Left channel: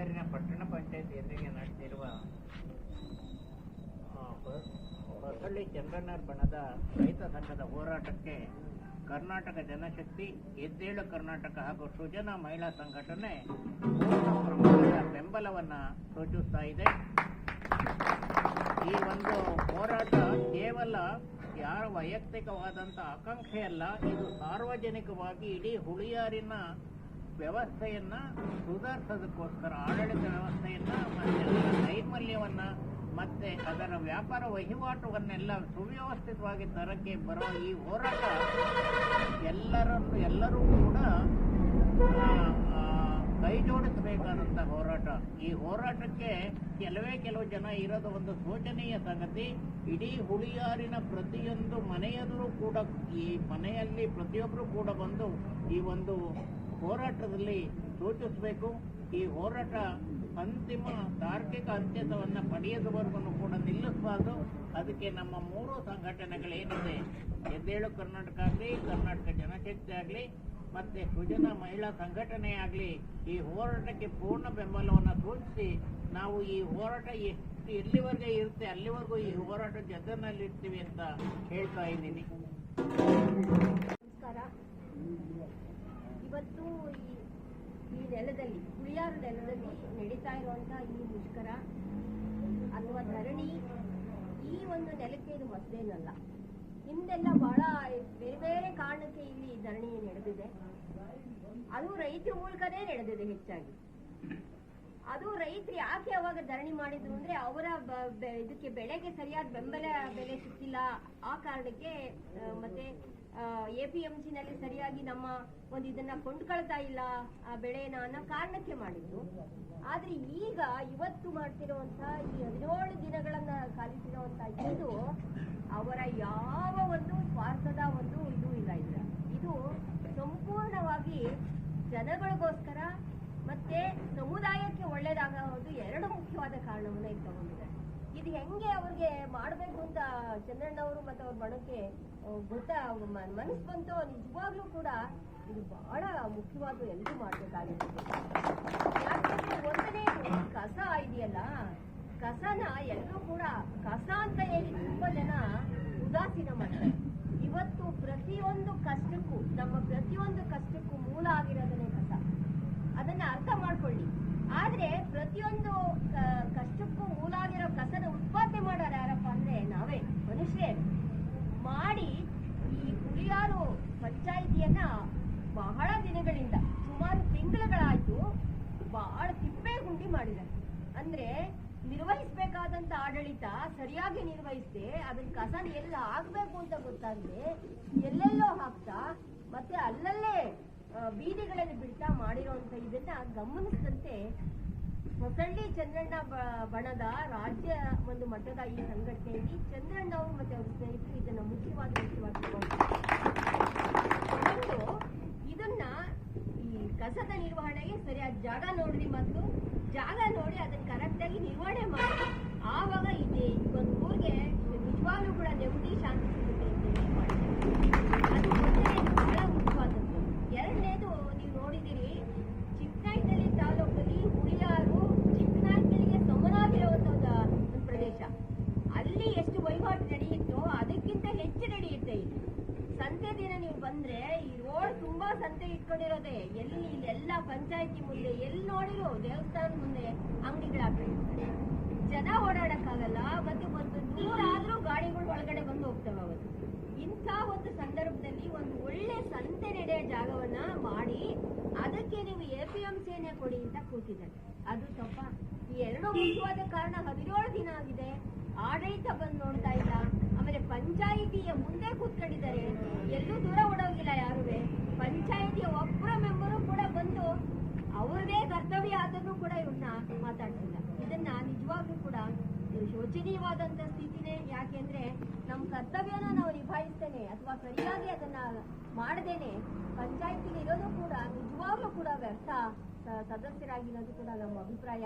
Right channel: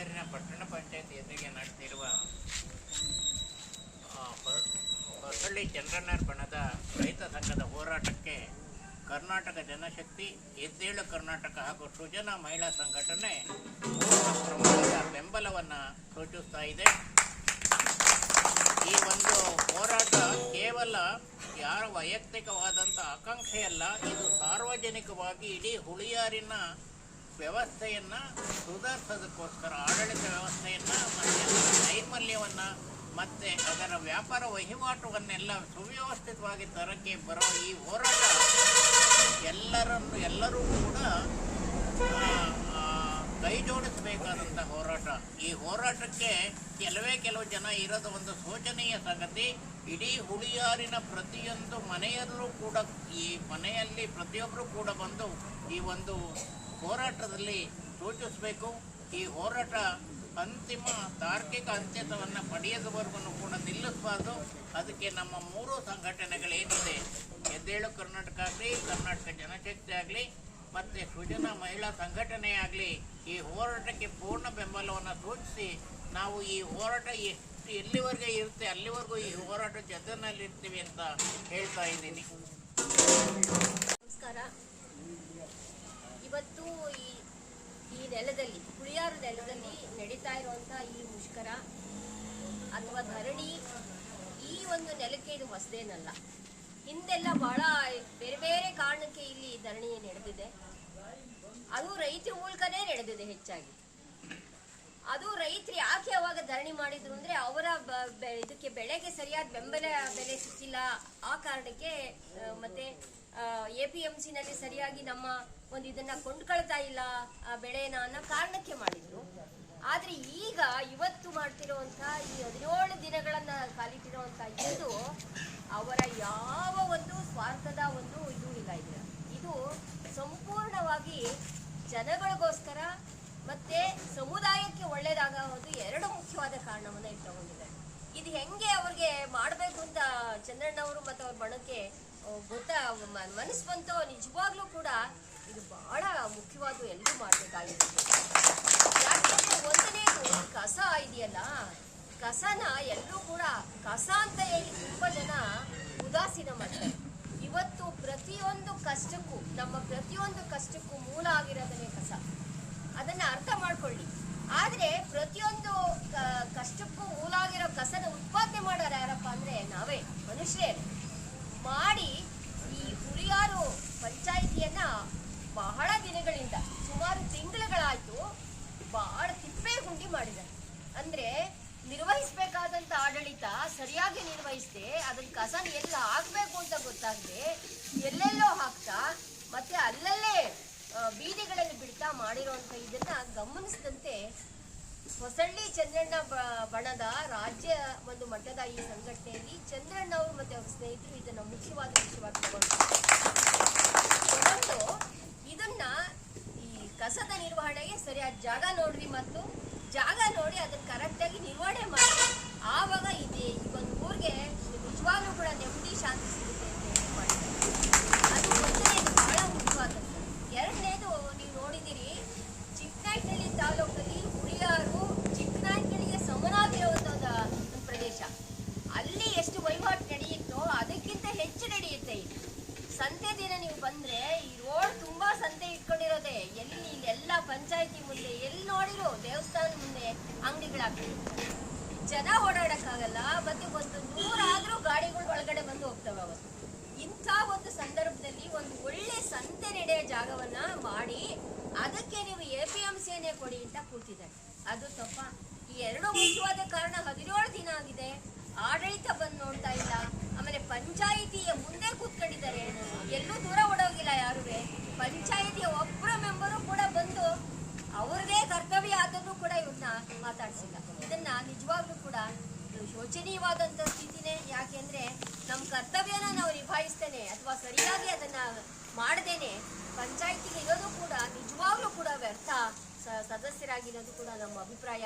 ಹುಳಿಯಾರಿನ ಪಟ್ಟಣ ಪಂಚಾಯತ್ ಎದುರಿಗೆ ನಡೆದಿರುವ ಹೊಸಳ್ಳಿ ಚಂದ್ರಣ್ಣರ ಬಣದ ರೈತ ಸಂಘದ ಹೋರಾಟಕ್ಕೆ ಕರ್ನಾಟಕ ಜನಶಕ್ತಿ, ಎದ್ದೇಳು ಕರ್ನಾಟಕ ಹಾಗೂ ಸೃಜನಾ ಮಹಿಳಾ ಸಂಘಟನೆ ಬೆಂಬಲವನ್ನು ಸೂಚಿಸ್ತಾ ಇದೆ. ಈ ಒಂದು ಹೋರಾಟ ಕೇವಲ ಯಾರ ವೈಯಕ್ತಿಕವಾದಂಥ ಆಕಾಂಕ್ಷೆಯಲ್ಲ, ಇದು ಸಾರ್ವಜನಿಕವಾಗಿ ಇಡೀ ಹುಳಿಯಾರಿನ ವ್ಯವಸ್ಥೆಯನ್ನ, ಸುಧಾರಿಸೋದಕ್ಕೋಸ್ಕರ, ಆಡಳಿತ ವ್ಯವಸ್ಥೆಯನ್ನು, ಮತ್ತೆ ನೈರ್ಮಲ್ಯವನ್ನು, ಮತ್ತು ಅದರ ವ್ಯಾಪಾರ ವಹಿವಾಟುವನ್ನೆಲ್ಲ ಸುವ್ಯವಸ್ಥಿತವಾಗಿ ತರಕ್ಕೆ ಬರೋ ಈ ಹೋರಾಟ, ಎಲ್ಲರನ್ನು, ಎಲ್ಲರೂ ಕೂಡ ಕೈ ಜೋಡಿಸಬೇಕಾದಂಥ ಹೋರಾಟ. ಈ ಹೋರಾಟಕ್ಕೆ ಕೆಲವೇ ಕೆಲವು ಜನ ಇರೋದು ಒಂದು ಶೋಚನೀಯ ಸಂಗತಿ, ಇಡೀ ಹುಳಿಯಾರಿನ ಪ್ರತಿಯೊಂದು ಮನೆಯಲ್ಲೂ ಕೂಡ ಈ ಮನೆಯಲ್ಲಿ ಪ್ರತಿಯೊಬ್ಬರು ಕೂಡ ಬಂದು ಈ ಒಂದು ಹೋರಾಟದಲ್ಲಿ ಸೂಚಿಸಬೇಕು ಈ ಹೋರಾಟ ಅಂತಿಮ ತಾರ್ಕಿಕ ಅಂತ್ಯವನ್ನು ಪಡೆಯದವರೆಗೂ ಕೂಡ ನಿಲ್ಲಿಸಬಾರ್ದು. ಅದಕ್ಕೆ ನಮ್ಮ ಮೂರು ಸಂಘಟನೆಗಳೇನಿದೆ ಎದ್ದೇಳು ಕರ್ನಾಟಕ ಆಗಲಿ, ಕರ್ನಾಟಕ ಜನಶಕ್ತಿ ಆಗಲಿ, ಮತ್ತು ಸೃಜನ ಮಹಿಳಾ ಸಂಘಟನೆ ಆಗಲಿ, ಈ ಹೋರಾಟಕ್ಕೆ ಪೂರ್ಣ ಬೆಂಬಲವನ್ನು ಸೂಚಿಸಿ ನಾವು ಈ ಹೋರಾಟ ಎಷ್ಟು ಎಲ್ಲಿವರೆಗೆ ಇರುತ್ತೆ, ಅಲ್ಲಿವರೆಗೂ ಈ ಹೋರಾಟ ಜೊತೆನಲ್ಲಿರ್ತೀವಿ ಅಂತ ಹೇಳ್ತಾ ಇದ್ದೀನಿ. ನಮಸ್ಕಾರ. ಇವತ್ತು ಈ ಈ ನೆಲದಲ್ಲಿ, ಹುಳಿಯಾರು ನೆಲದಲ್ಲಿ ನಡೀತಾ ಇರುವಂತಹ ಈ ಮುಷ್ಕರ ಅಥವಾ ಧರಣಿ ಈ ಒಂದು ನೆಲಕ್ಕೆ ಇದು ಹೊಸದೇನಲ್ಲ. ಹಿಂದೆಲ್ಲ ಬಹಳ ಬೇರೆ ಬೇರೆ ಕಾರಣಕ್ಕೆ ಇಲ್ಲಿ ಧರಣಿ ನಡೆದಿದೆ. ಅದು ರೈತರ ಮೂಲಕನೇ ನಡೆದಿದೆ ಹೆಚ್ಚಾಗಿ. ಅದು ರೈತರು ಯಾಕೆ ಅವಾಗ ಧರಣಿ ಮಾಡಿದ್ರು ಅಂದ್ರೆ ಅವರ ಇದಕ್ಕೆ ಬೆಳೆಗೆ ಸರಿಯಾದ ಬೆಂಬಲ ಬೆಲೆ ಸಿಕ್ಕಿಲ್ಲ. ಆ ಕಾರಣಕ್ಕೆ ಮತ್ತೆ ಎ ಪಿ ಎಂ ಸಿನಲ್ಲಿ ಸರಿಯಾಗಿ ನಮ್ಮ ಒಂದು ಇದನ್ನ ಕೊಂಡ್ಕೊಳ್ತಾ ಇಲ್ಲ, ಆ ಬೆಳೆನ ಅನ್ನೋ ಕಾರಣಕ್ಕೆ ಮಾಡಿದ್ರು. ಆದ್ರೆ ಈಗ ಇವತ್ತು ಮಾಡ್ತಿರುವಂತ ಈ ಹದಿನೇಳು ದಿನಗಳನ್ನ ಕಾಲಿಟ್ಟಿರುವಂತ ಇದು ಅವರ ಯಾವ ಒಂದು ಸ್ವಾರ್ಥದ ಒಂದು ಇದು ಇಲ್ಲ ಇದ್ರ ಇದು ಸಂಪೂರ್ಣವಾಗಿ ಜನಗಳಿಗೋಸ್ಕರ ಮತ್ತೆ ಸಮುದಾಯಕ್ಕೆ ಒಳ್ಳೇದಾಗ ಒಂದು ಎರಡು ಮುಖ್ಯವಾದ ಕಾರಣವನ್ನ ಇಲ್ಲಿ ತಗೊಂಡಿದೆ ಇದು ಹೆಂಗೆ ಅವ್ರಿಗೆ ಮಾಡಬೇಕು ಅಂತ ಚಂದ್ರಣ್ಣವರು ಮತ್ತು ಅವ್ರ ಬಣಕ್ಕೆ ಗೊತ್ತಾ ಮನಸ್ಸು ಬಂತು ನಿಜವಾಗ್ಲೂ ಕೂಡ ಇದು ಬಹಳ ಮುಖ್ಯವಾದ ಎಲ್ಲರೂ ಮಾಡಬೇಕಾಗಿದೆ. ಯಾಕೆಂದ್ರೆ ಒಂದನೇದು ಕಸ ಇದೆಯಲ್ಲ, ಕಸನ ಎಲ್ಲರೂ ಕೂಡ ಕಸ ಅಂತ ಹೇಳಿ ತುಂಬ ಜನ ಉದಾಸೀನ ಮಾಡ್ತಾರೆ. ಇವತ್ತು ಪ್ರತಿಯೊಂದು ಕಷ್ಟಕ್ಕೂ, ನಮ್ಮ ಪ್ರತಿಯೊಂದು ಕಷ್ಟಕ್ಕೂ ಮೂಲ ಆಗಿರೋದನ್ನೇ ಕಸ. ಅದನ್ನ ಅರ್ಥ ಮಾಡ್ಕೊಳ್ಳಿ. ಆದ್ರೆ ಪ್ರತಿಯೊಂದು ಕಷ್ಟಕ್ಕೂ ಮೂಲ ಆಗಿರೋ ಕಸನ ಉತ್ಪಾದನೆ ಮಾಡೋರು ಯಾರಪ್ಪ ಅಂದ್ರೆ ನಾವೇ, ಮನುಷ್ಯರೇ. ಮಾಡಿ ಈ ಹುಳಿಯಾರು ಪಂಚಾಯಿತಿಯನ್ನ ಬಹಳ ದಿನಗಳಿಂದ, ಸುಮಾರು ತಿಂಗಳುಗಳಾಯ್ತು ಬಹಳ ತಿಪ್ಪೆ ಗುಂಡಿ ಮಾಡಿದ್ದಾರೆ ಅಂದ್ರೆ ನಿರ್ವಹಿಸಬೇಕಾದಂತ ಆಡಳಿತ ಸರಿಯಾಗಿ ನಿರ್ವಹಿಸದೆ ಅದನ್ನ ಕಸನ ಎಲ್ಲ ಆಗ್ಬೇಕು ಅಂತ ಗೊತ್ತಾಗದೆ, ಎಲ್ಲೆಲ್ಲೋ ಹಾಕ್ತಾ, ಮತ್ತೆ ಅಲ್ಲಲ್ಲೇ ಬೀದಿಗಳಲ್ಲಿ ಬಿಡ್ತಾ ಮಾಡಿರೋಂಥ ಇದನ್ನ ಗಮನಿಸಿದಂತೆ ಹೊಸಳ್ಳಿ ಚಂದ್ರಣ್ಣ ಬಣದ ರಾಜ್ಯ ಒಂದು ಮಟ್ಟದ ಈ ಸಂಘಟನೆಯಲ್ಲಿ ಚಂದ್ರಣ್ಣ ಅವರು ಮತ್ತೆ ಅವ್ರ ಸ್ನೇಹಿತರು ಇದನ್ನ ಮುಖ್ಯವಾದ ವಿಷಯವಾಗಿ ತಗೊಂಡು ಕಸದ ನಿರ್ವಹಣೆಗೆ ಸರಿಯಾದ ಜಾಗ ನೋಡ್ರಿ ಮತ್ತು ಜಾಗ ನೋಡಿ ಅದನ್ನ ಕರೆಕ್ಟಾಗಿ ನಿರ್ವಹಣೆ ಮಾಡಿ. ಆವಾಗ ಇದೆ ಈ ಒಂದು ಊರಿಗೆ ನಿಜವಾಗ್ಲೂ ಕೂಡ ನೆಮ್ಮದಿ ಶಾಂತಿ ಸಿಗುತ್ತೆ ಅಂತ ಹೇಳಿ ಮಾಡಿದ್ದಾರೆ ಅದು ಒಂದನೇದು ಬಹಳ ಮುಖ್ಯವಾದದ್ದು ಎರಡನೇದು ನೀವು ನೋಡಿದ್ದೀರಿ ಚಿಕ್ಕನಾಯಕನಹಳ್ಳಿ ತಾಲೂಕಲ್ಲಿ ಹುಳಿಯಾರು ಚಿಕ್ಕನಾಯಕನಹಳ್ಳಿಗೆ ಸಮನಾಗಿರುವಂಥ ಒಂದು ಒಂದು ಪ್ರದೇಶ ಅಲ್ಲಿ ಎಷ್ಟು ವಹಿವಾಟು ನಡೆಯುತ್ತೋ ಅದಕ್ಕಿಂತ ಹೆಚ್ಚು ನಡೆಯುತ್ತೆ ಇಲ್ಲಿ ಸಂತೆ ದಿನ ನೀವು ಬಂದ್ರೆ ಈ ರೋಡ್ ತುಂಬಾ ಸಂತೆ ಇಟ್ಕೊಂಡಿರೋದೆ ಎಲ್ಲಿ ಇಲ್ಲೆಲ್ಲ ಪಂಚಾಯತಿ ಮುಂದೆ ಎಲ್ಲಿ ನೋಡಿರೋ ದೇವಸ್ಥಾನ ಮುಂದೆ ಅಂಗಡಿಗಳಾಗ್ತಿರ್ತಾರೆ ಜನ ಓಡಾಡಕ್ಕಾಗಲ್ಲ, ಮತ್ತೆ ಒಂದು ನೂರಾದ್ರೂ ಗಾಡಿಗಳು ಒಳಗಡೆ ಬಂದು ಹೋಗ್ತವೆ ಅವತ್ತು. ಇಂಥ ಒಂದು ಸಂದರ್ಭದಲ್ಲಿ ಒಂದು ಒಳ್ಳೆ ಸಂತೆ ನಡೆಯೋ ಜಾಗವನ್ನ ಮಾಡಿ ಅದಕ್ಕೆ ನೀವು ಎ ಪಿ ಎಂ ಸೇನೆ ಕೊಡಿ ಅಂತ ಕೂತಿದ್ದಾರೆ. ಅದು ತಪ್ಪ. ಈ ಎರಡು ಮುಖ್ಯವಾದ ಕಾರಣ ಹದಿನೇಳು ದಿನ ಆಗಿದೆ. ಆಡಳಿತ ಬಂದು ನೋಡ್ತಾ ಇಲ್ಲ. ಆಮೇಲೆ ಪಂಚಾಯಿತಿಯ ಮುಂದೆ ಕೂತ್ಕೊಂಡಿದ್ದಾರೆ. ಎಲ್ಲೂ ದೂರ ಓಡೋಗಿಲ್ಲ ಯಾರುವೆ. ಪಂಚಾಯಿತಿಯ ಒಬ್ಬರ ಮೆಂಬರು ಕೂಡ ಬಂದು ಅವ್ರಿಗೆ ಕರ್ತವ್ಯ ಆದನ್ನು ಕೂಡ ಇವ್ರನ್ನ ಮಾತಾಡ್ಸಿಲ್ಲ. ಇದನ್ನ ನಿಜವಾಗ್ಲೂ ಕೂಡ ಶೋಚನೀಯವಾದಂಥ ಸ್ಥಿತಿನೇ ಯಾಕೆಂದ್ರೆ ನಮ್ಮ ಕರ್ತವ್ಯನ ನಾವು ನಿಭಾಯಿಸ್ತೇನೆ ಅಥವಾ ಸರಿಯಾಗಿ ಅದನ್ನ ಮಾಡದೇನೆ ಪಂಚಾಯತಿಗೆ ಇರೋದು ಕೂಡ ನಿಜವಾಗ್ಲೂ ಕೂಡ ವ್ಯರ್ಥ. ಸದಸ್ಯರಾಗಿರೋದು ಕೂಡ ನಮ್ಮ ಅಭಿಪ್ರಾಯ.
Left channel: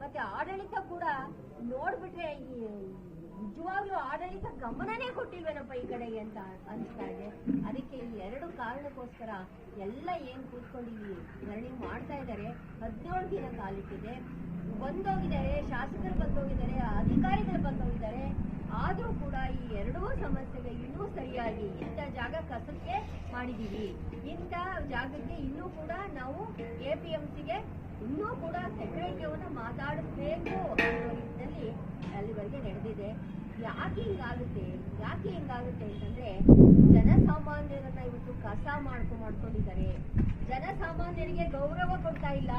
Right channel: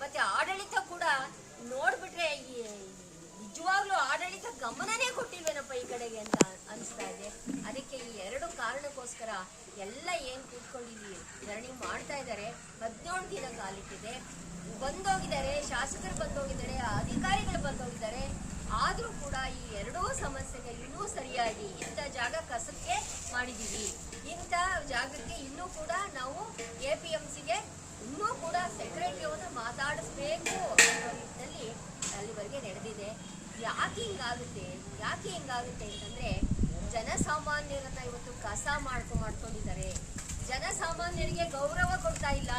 ಮತ್ತೆ ಆಡಳಿತ ಕೂಡ ನೋಡ್ಬಿಟ್ರೆ ನಿಜವಾಗ್ಲೂ ಆಡಳಿತ ಗಮನನೇ ಕೊಟ್ಟಿಲ್ವೇನಪ್ಪ ಈ ಕಡೆಗೆ ಅಂತ ಅನಿಸ್ತಾ ಇದೆ. ಅದಕ್ಕೆ ಈ ಎರಡು ಕಾರಣಕ್ಕೋಸ್ಕರ ಎಲ್ಲ ಏನ್ ಕೂತ್ಕೊಂಡಿದ್ವಿ ಧರಣಿ ಮಾಡ್ತಾ ಇದ್ದಾರೆ. ಹದಿನೇಳು ದಿನ ಕಾಲಿಟ್ಟಿದೆ ಬಂದೋಗಿದ್ದಾರೆ, ಶಾಸಕರು ಬಂದೋಗಿದ್ದಾರೆ, ಅಧಿಕಾರಿಗಳು ಬಂದೋಗಿದ್ದಾರೆ. ಆದರೂ ಕೂಡ ಈ ಎರಡೂ ಸಮಸ್ಯೆಗೆ ಇನ್ನೂ ಸರಿಯಾಗಿ ಇಂಥ ಜಾಗ ಕಸಕ್ಕೆ ಮಾಡಿದ್ದೀವಿ. ಇಂಥ ಜಾಗಕ್ಕೆ ಇನ್ನೂ ಕೂಡ ನಾವು ಎ ಪಿ ಎಂ ಸಿಗೆ ಇನ್ನೂ ಕೂಡ ಸೆಕ್ರೆಟರಿಯವನ್ನು ಮಾತಾಡಿಸ್ಬೇಕು ಅನ್ನೋ ನಿಟ್ಟಿನಲ್ಲಿ ಅಲ್ಲಿವರೆಗೆ ನಡೆದಿದೆ. ಯಾಕೆ ಹಿಂಗಾಗುತ್ತೆ? ಯಾಕೆ ಹಿಂಗಾಗುತ್ತೆ ಅಂತಂದರೆ, ಜನಸಾಮಾನ್ಯರನ್ನ ಇವತ್ತು ಕಸ ಮಾಡ್ಕೊ ಮಾಡ್ಕೊಂಡಿದ್ದಾರೆ. ಜನಸಾಮಾನ್ಯರಿಗೆ ಗೌರವ ಕೊಡ್ತಾ ಇಲ್ಲ.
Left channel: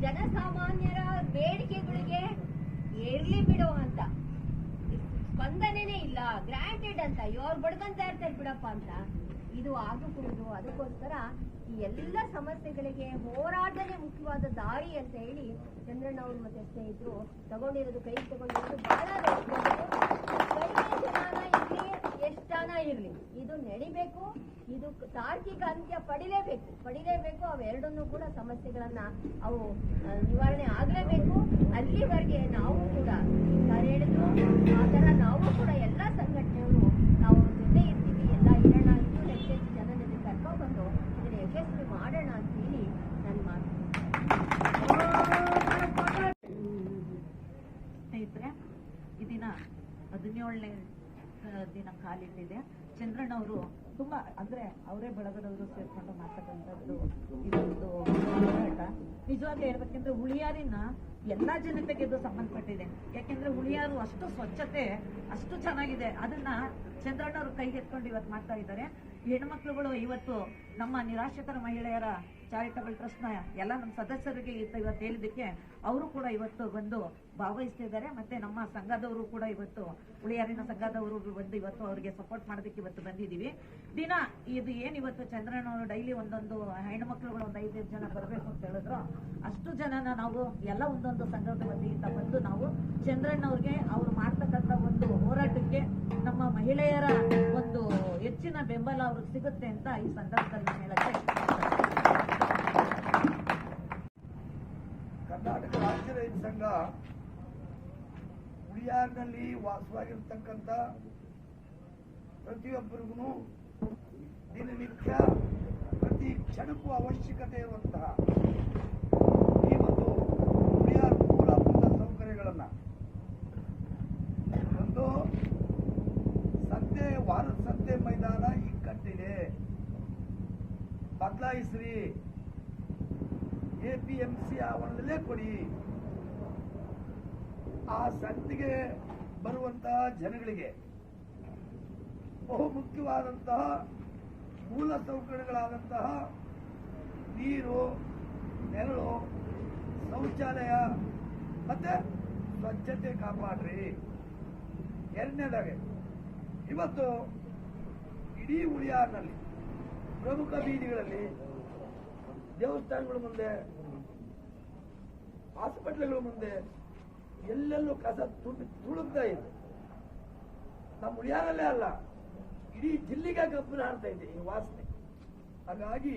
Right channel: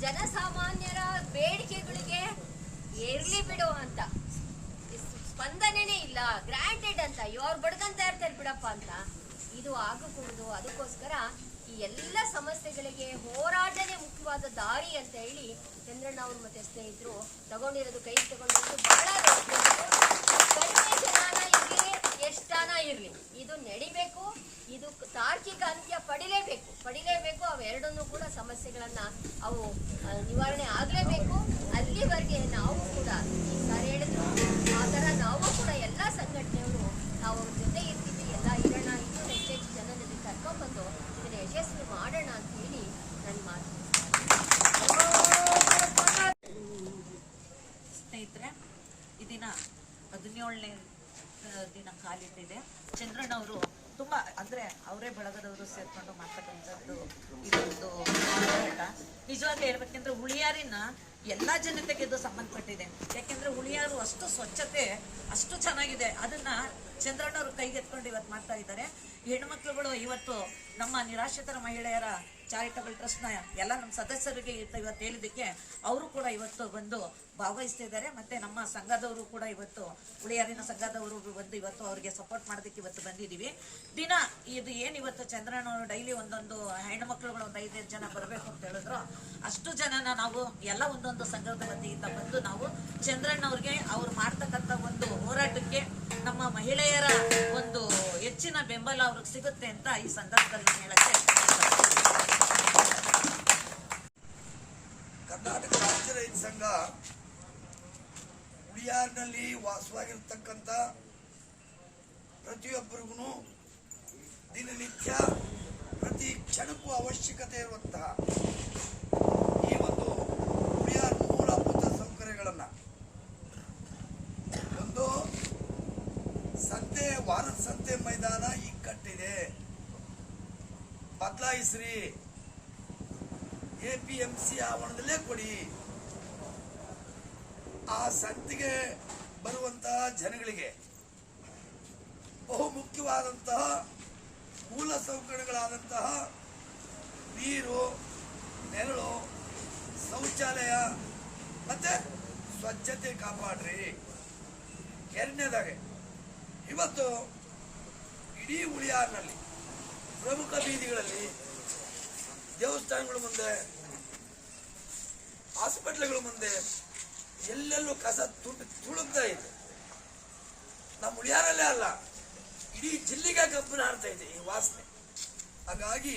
ಜನಸಾಮಾನ್ಯರ ಬೇಡಿಕೆಗಳಿಗೆ ಇರ್ಲಿ ಬಿಡು ಅಂತ. ಸ್ಪಂದನೆನೇ ಇಲ್ಲ. ಗ್ರಾಂಟೆಡ್ ಅಂತ. ಇವ್ರು ಬಡ್ಕಂತ ಇರ್ತಾರೆ ಬಿಡಪ್ಪ ಅಂತ. ಇದು ಆಗಕೂಡದು. ಅದಕ್ಕೋಸ್ಕರ ಈ ಎಲ್ಲ ಸಮಸ್ಯೆಗಳಿಗೆ ಹೋರಾಟನೇ ಮುಖ್ಯವಾದ ದಾರಿ ಅಂತ ಹೇಳಿ ಚಂದ್ರಣ್ಣ ಅವರು ಮತ್ತೆ ಸ್ನೇಹಿತರು ತಗೊಂಡಿರೋದು ಕೈ ತಗೊಂಡಿರೋದು ಬಹಳ. ಕಡಿಮೆ ಇರ್ಲಿ ಎಷ್ಟಾನ ಇರಲಿ. ಇದು ನಡಿಬೇಕು. ಇದು ತಾರ್ಕಿಕ ಅಂತ್ಯ ಪಡಿಲೇಬೇಕು. ಪಡಿಲೇಬೇಕು ಅವೆರಡನ್ನೂ ಕೂಡ ಸಮಸ್ಯೆಗಳನ್ನು ಅವು ನಿವಾರಣೆ ಆಗಲೇಬೇಕು. ಅಲ್ಲಿವರೆಗೆ ನಾವು ಕೂಡ ಸರ್ ಹೇಳಿದ್ರು, ಆ ಥರ ನಾವು ಕೂಡ ಎಲ್ಲ ಸಂಘಟನೆಯವರು ನಾವು ಅವ್ರ ಜೊತೆ ಇರ್ತೀವಿ ಎಲ್ಲ ಇರೋಣ ಇನ್ನೂ ಹೆಚ್ಚೆಚ್ಚು ಜನರಲ್ಲಿ ಕರ್ಕೊಂಡ್ಬಂದು ಇದನ್ನ ಯಶಸ್ವಿ ಮಾಡೋಣ ಅಂತ ಹೇಳಿ ನನ್ನ ಮಾತು ಸ್ನೇಹಿತರೆ ಈ ದಿನ ಹದಿನೇಳನೇ ದಿನ ಕಾಲಿಟ್ಟಿದೆ ಚಂದ್ರಣ್ಣ ಅವರು ತುಂಬ ಅಂದರೆ ಅವರೇ ಬೆಳಗದವರು ಸೇರ್ಕೊಂಡು ಮಾಡ್ತಕ್ಕಂಥದ್ದು ಇದೊಂದು ಹೋರಾಟ ನಿಜವಾಗ್ಲೂ ಹೇಳ್ಬೇಕಂದ್ರೆ ಹುಳಿಯಾರಿನ ಎಲ್ಲ ಜನತೆಗೆ ಇದು ಸಂಬಂಧಪಟ್ಟಿದೆ. ಯಾಕೆಂದ್ರೆ ಹುಳಿಯಾರು ಅಷ್ಟು ಸ್ವಚ್ಛತೆ, ಅಷ್ಟು ಚೆನ್ನಾಗಿದೆ. ಅದನ್ನ ಚಂದ್ರಣ್ಣವರು ಕೈಗೆತ್ಕೊಂಡು ಇವತ್ತು ಮಾಡ್ತಾ ಇದ್ದಾರೆ. ಹೆಣ್ಮಕ್ಳುಗಳು ಇವತ್ತು ನಮ್ಮ ನಿರಾಶ್ರಿತರ ಮಹಿಳೆಯರ ಚಾರಿಟಬಲ್ ಟ್ರಸ್ಟ್ನ ಎಲ್ಲ ನಮ್ಮ ಸದಸ್ಯರಿಗೆ ಇವತ್ತು ಹೇಳಿದ್ದಕ್ಕೆ ಅವರು ಕೂಡ ಇವತ್ತು ಬಂದು ಭಾಗವಹಿಸ್ತಾ ಇದ್ದಾರೆ. ಮತ್ತೆ ನಮ್ಮ ಸಂಘದವರು ಕೂಡ ಇವತ್ತು ಉಳಿಯಾರಿನ ಸಂಘದವರು ಬಂದು ಇವತ್ತು ಅವರಿಗೆ ಸಪೋರ್ಟ್ ಮಾಡೋದಕ್ಕೆ ಇವತ್ತು ಬಂದಿದ್ದೀವಿ. ದಿನ ಇದು ಏನು ಇವತ್ತು ಚಂದ್ರನವರು ಡೈಲಿ ಒಂದೊಂದು ಹೆಣ್ಮಕ್ಳುಗಳು ಒಂದು ಐದೈದು ಜನ ಬರಬೇಕು ಅಂತ ಹೇಳಿದ್ರು. ಅಷ್ಟು ಜನನ ನಾವು ಎಲ್ಲ ಒಂದೊಂದು ಸಂಘದ ವತಿಯಿಂದ ಬಂದು ನಾವು ಚಂದ್ರಣ್ಣವ್ರಿಗೆ ಅವ್ರು ಮಾಡ್ತಕ್ಕಂಥ ಒಂದು ಹೋರಾಟಕ್ಕೆ ನಮ್ಮ ಮಹಿಳೆಯರ ಒಂದು ಹೆಚ್ಚಿನ ಬೆಂಬಲ ಅವ್ರಿಗೆ ಸಿಗುತ್ತೆ ಅಂತ ಈ ಸಂದರ್ಭದಲ್ಲಿ ಹೇಳಕ್ಕೆ ಕರ್ನಾಟಕ ರಾಜ್ಯ ರೈತ ಸಂಘ ಉಳಿಯಾರ್ನಲ್ಲಿ ವಾಸವಾಗಿರ್ತಕ್ಕಂಥ ಪ್ರತಿಯೊಬ್ಬರಿಗೂ ದಿನನಿತ್ಯ ಪ್ರತಿ ಕ್ಷಣಕ್ಕೂ ಅವಶ್ಯಕತೆ ಇರುವಂತಹ ಈ ಒಂದು ಉಳಿಯಾರ್ ಮೂಲಭೂತ ಸೌಕರ್ಯಗಳನ್ನು ಒಂದು ಸಂತೆ, ವಾರದ ಸಂತೆ ಮೈದಾನ ಕಟ್ಟಿದೆ. ಬದಲಾಯಿಸ್ರಿ. ಎ ಪಿ ಎಂ ಸಿ ಆವರಣದಲ್ಲೇ ಕೊಡಿ. ಆ ಸಂತಿಗೆ ಬರುವಂತಹ ಜನಗಳಿಗೆ ಬಹು ಮುಖ್ಯವಾದಂತಹ ಮೂಲ ಸೌಕರ್ಯಗಳಾದಂತಹ ನೀರು, ನೆರಳು, ಶೌಚಾಲಯ ಮತ್ತೆ ಸ್ವಚ್ಛತೆ ಕಾಪಾಡ್ರಿ. ಎರಡನೇದಾಗೆ, ಇವತ್ತು ಇಡೀ ಉಳಿಯಾರ್ನಲ್ಲಿ ಪ್ರಮುಖ ಬೀದಿಗಳಲ್ಲಿ ದೇವಸ್ಥಾನಗಳ ಮುಂದೆ, ಹಾಸ್ಪಿಟ್ಲ್ಗಳ ಮುಂದೆ, ಎಲ್ಲೆಲ್ಲೂ ಕಸ ತುಳು ತುಳುಕ್ತಾ ಇದೆ. ನಮ್ಮ ಉಳಿಯಾರಲ್ಲೇ ಅಲ್ಲ, ಇಡೀ ಜಿಲ್ಲೆಗೆ ಕಬ್ಬಿನ ಹಾಡ್ತಾ ಇದೆ ಈ ವಾಸನೆ. ಹಾಗಾಗಿ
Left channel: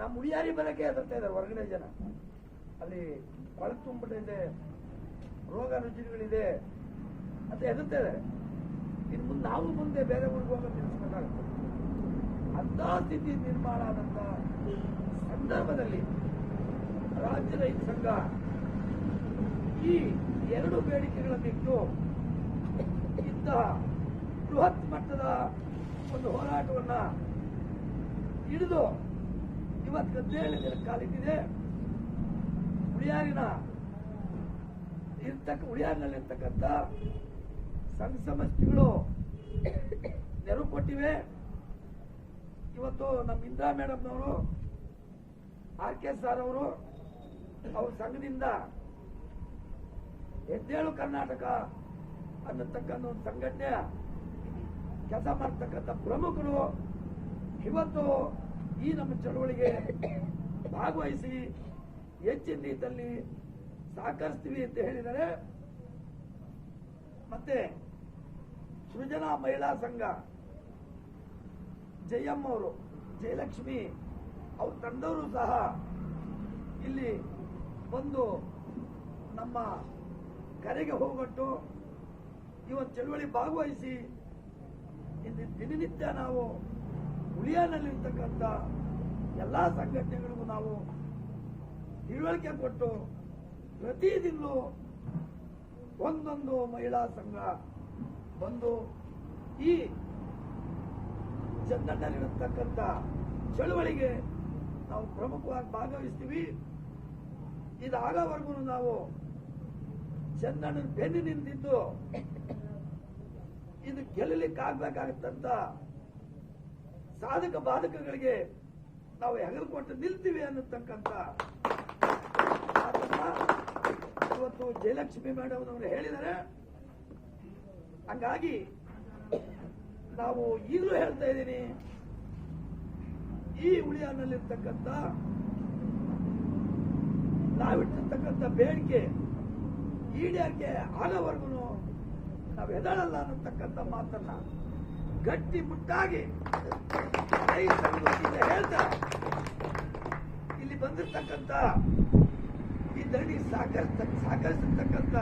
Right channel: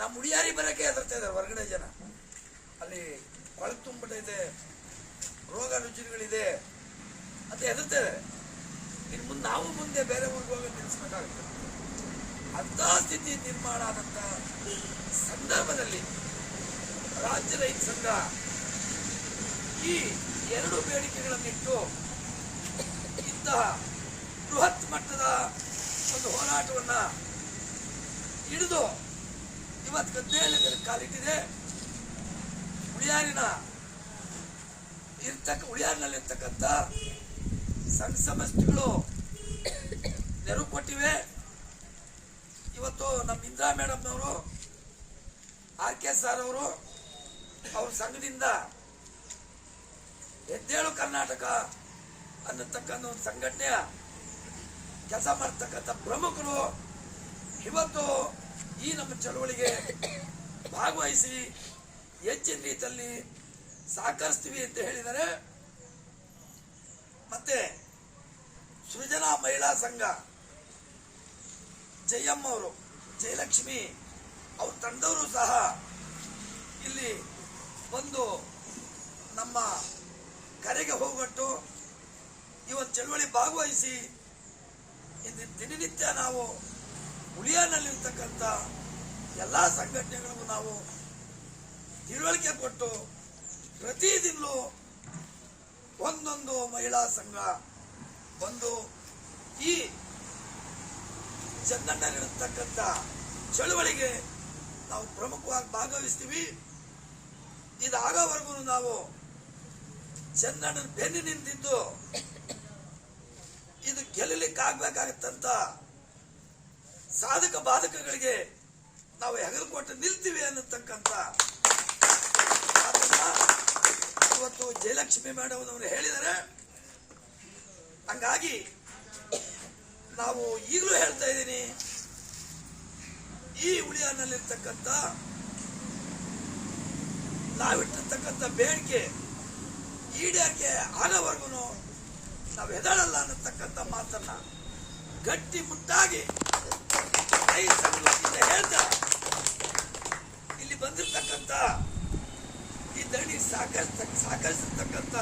ನಮ್ಮ ಉಳಿಯಾರಿ ಬರಕ್ಕೆ ಹೆದರ್ತಾ ಇದ್ದಾರೆ ಹೊರಗಡೆ ಜನ. ಅಲ್ಲಿ ಕೊಳಕು ತುಂಬಿಟ್ಟೈತೆ ರೋಗ ರುಜಿನಗಳಿದೆ ಅಂತ ಹೆದರ್ತಾ ಇದ್ದಾರೆ. ಇನ್ನು ಮುಂದೆ ನಾವು ಮುಂದೆ ಬೇರೆ ಊರಿಗೆ ಹೋಗೋದು ನಿಲ್ಲಿಸ್ಬೇಕಾಗುತ್ತೆ ಅಂಥ ಸ್ಥಿತಿ ನಿರ್ಮಾಣ ಆದಂಥ ಸಂದರ್ಭದಲ್ಲಿ ರಾಜ್ಯ ರೈತ ಸಂಘ ಈ ಎರಡು ಬೇಡಿಕೆಗಳನ್ನಿಟ್ಟು ಇಂತಹ ಬೃಹತ್ ಮಟ್ಟದ ಒಂದು ಹೋರಾಟವನ್ನು ಹಿಡಿದು ಇವತ್ತು ಗದ್ದೆಯಲ್ಲಿ ಕಾಲಿಟ್ಟಿದೆ. ಉಳಿಯಾರಿನ ಇರ್ತಕ್ಕ ಉಳಿಯಾರಿನಲ್ಲಿರ್ತಕ್ಕಂಥ ಸಂಘ ಸಂಸ್ಥೆಗಳು ನೆರವು ಕೊಟ್ಟಿವೆ. ಇವತ್ತು ನಮ್ಮ ಇಂದಿರಾ ಮೇಡಮ್ನವರು ಆರ್ ಕೆ ಸರ್ ಅವರು ಅವ್ರ ಸಂಘದಿಂದ ಎದ್ದೇಳು ಕರ್ನಾಟಕ ಅನ್ನತಕ್ಕಂಥ ಒಂದು ಸಂಘಟನೆಯ ಕೆಲಸ ಮಾಡ್ತಕ್ಕಂಥ ಪ್ರಮುಖರು ಇವತ್ತು ಈ ನಮ್ಮ ಚಳುವಳಿಗೆ ಭಾಗವಹಿಸಿ ಹೆಚ್ಚಿನ ರೀತಿಯಲ್ಲಿ ಸಹಕರಿಸ್ತೀವಿ ಅಂತ ಹೇಳಿದರೆ ಮತ್ತೆ ಸೃಜನಾ ಮಹಿಳಾ ಸಂಘ ಜಯಮ್ಮ ಅವರು, ಜಯಲಕ್ಷ್ಮಿ ಅವ್ರ ತಂದವರು ಸಹ ಇಲ್ಲಿ ಬಂದು ನಮ್ಮ ಕರೆಗೆ ಹೋಗಟ್ಟು ಇವತ್ತು ಚಳುವಳಿ ಭಾಗವಹಿಸಿ ಇಂದಿನ ದಿನನಿತ್ಯ ನಾವು ಉಳಿಯಾನಲ್ಲಿರ್ತಕ್ಕಂಥ ಎಲ್ಲ ಸಂಘಟನೆಗಳಿಗೂ ನಾವು ತಿಳುವಳಿಕೆ ಕೊಟ್ಟು ಪ್ರತಿದಿನಲೂ ಒಂದೊಂದು ಮಹಿಳಾ ಸಂಘ ಬಂದು ಈ ಚಂದಣ್ಣನಿರತಕ್ಕಂಥ ಚಳುವಳಿಗೆ ನಾವು ಪ್ರಮುಖವಾಗಿ ಭಾಗವಹಿಸ್ತೀವಿ. ಇದಾಗೋವರೆಗೂ ನಾವು ಚಂದಣ್ಣನ ಬೆನ್ನು ನಿಂತಿದ್ದು ಇದು ಗೆಲ್ಲಲಿಕ್ಕಾಗಬೇಕಾಗತ್ತಂತ ಸಾಧಕ ಬಾಧಕಗಳಿಗೆ ನಾವು ಹೆಗಲು ಕೊಟ್ಟು ನಿಲ್ತೀವಿ ಅನ್ನತಕ್ಕಂಥ ಇವತ್ತು ಜಯಲಕ್ಷ್ಮಿ ಮೇಡಮ್ ಅವರು ಹೇಳಿದರೆ ಹಂಗಾಗಿ ನಾವು ಈಗಲೂ ಹೇಳ್ತಾ ಇದ್ದೀನಿ. ಈ ಉಳಿಯಾನಲ್ಲಿರ್ತಕ್ಕಂಥ ನಾವಿಟ್ಟಿರ್ತಕ್ಕಂಥ ಬೇಡಿಕೆ ಈಡೇರಿಕೆ ಆಗೋವರೆಗೂ ನಾವು ಎದಳಲ್ಲ ಅನ್ನತಕ್ಕಂಥ ಮಾತನ್ನ ಗಟ್ಟಿ ಮುಟ್ಟಾಗಿ ಹೇಳ್ತಾ ಇಲ್ಲಿ ಬಂದಿರ್ತಕ್ಕಂಥ ಈ ಧರಣಿ ಸಹಕರಿಸಿರ್ತಕ್ಕಂಥ ಸಾಕಷ್ಟು